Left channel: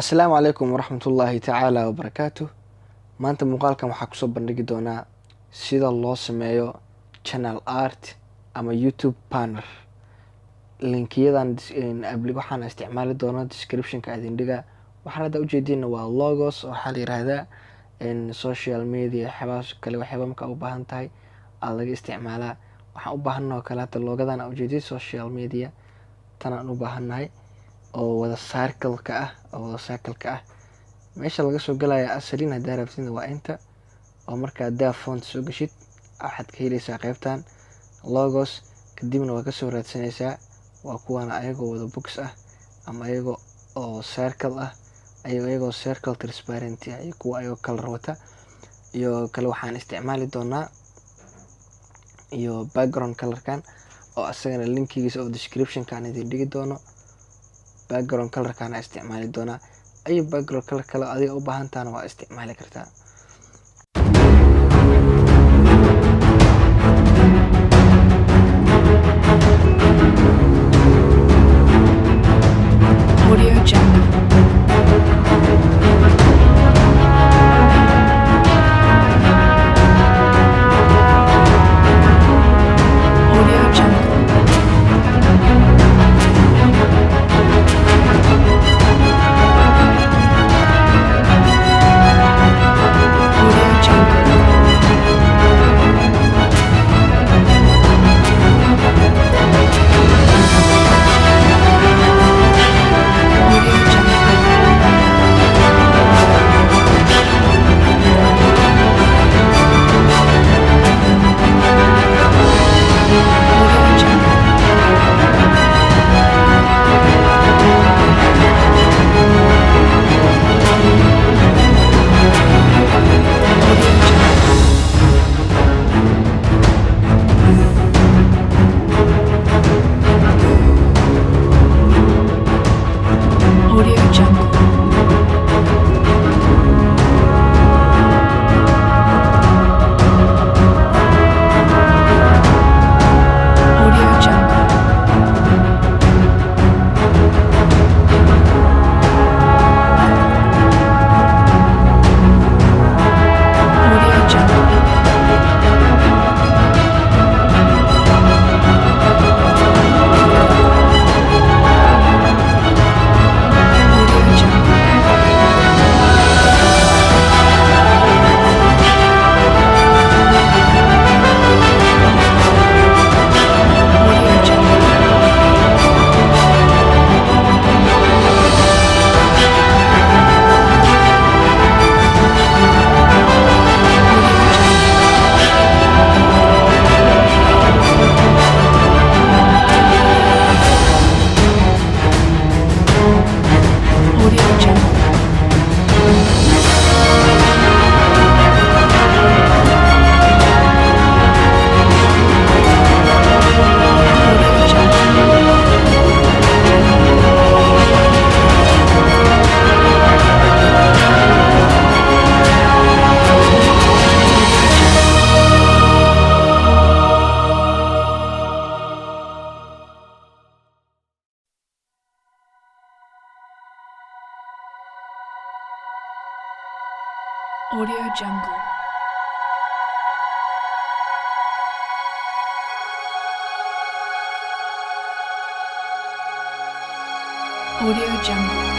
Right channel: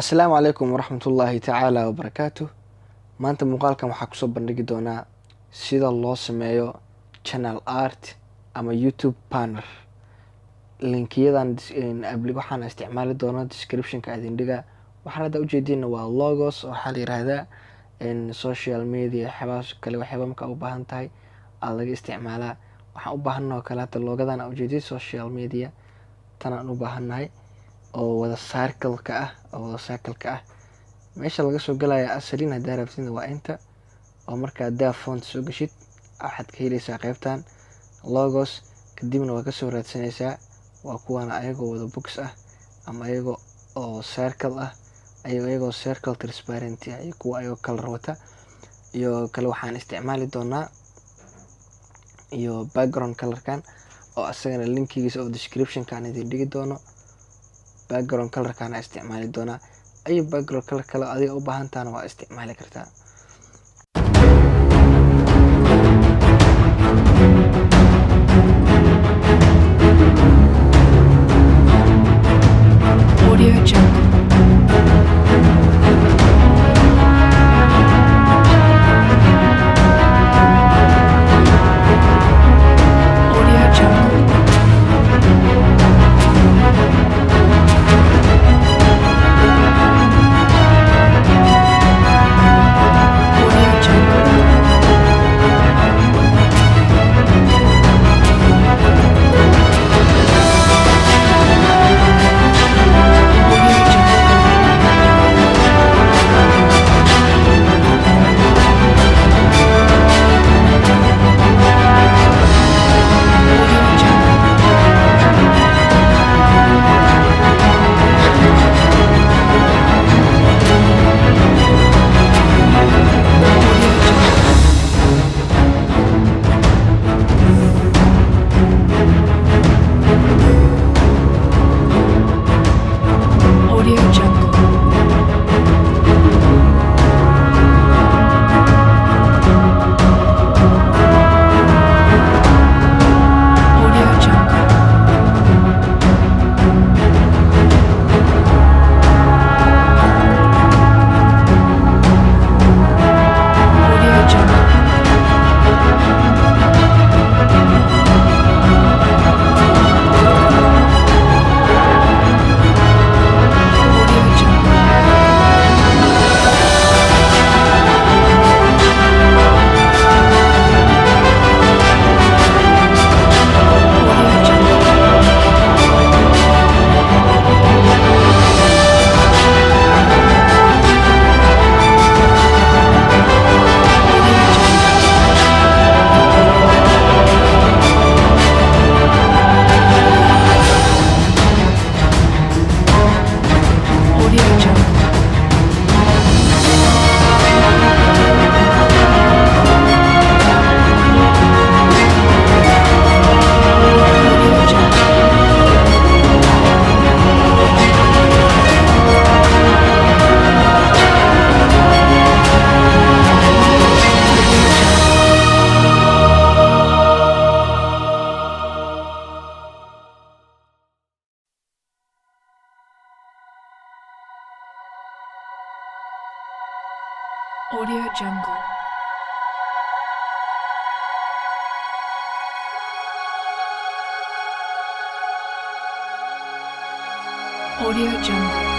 Asalaamu calaykum waraxmatullaahi tacaala wabarakaatuh. Maanta muuqaalkan waxaa kusoo bandhigi doonaa sida loo sameeyo channel art ama YouTube banner. Linkiyadan waxaan isticmaali doonaa description-ka idin dhiga. Waxaan hadda ujeedina waa logos, waxaa la yiraahdaa social media waxyaabahaas kale waxyaaba markaa u baahan tahay aad laga isticmaalaa. Waxaan u baahannahay oo kale hadda logadan aan ujeedin social media tan aan u baahannahay oo wada circle-ka ah meesha laga soo galaya asalin hadaa rabtid waa inta oo markaa hadaa font soo gashid waxaad ka helaysaa qaybtan logos kadibna waa kasoo raadsanaysaa waa kuwan ayagoo wada box ah ama ayagoo oo circle ah ayagoo circle transparent ah iyo kuwa ayagoo color wata iyo kale waxaan isticmaali doonaa iyo background colorkan oo asagana linkigiisa oo description-kan idin dhigi doono. background colorkan isticmaali doonaa ay background color kale adiga u baahan tahay waa isticmaali kartaa. Audio Jungle. Audio Jungle. Audio Jungle. Audio Jungle. Audio Jungle. Audio Jungle. Audio Jungle. Audio Jungle. Audio Jungle. Audio Jungle. Audio Jungle. Audio Jungle. Audio Jungle. Audio Jungle. Audio Jungle. Audio Jungle. Audio Jungle.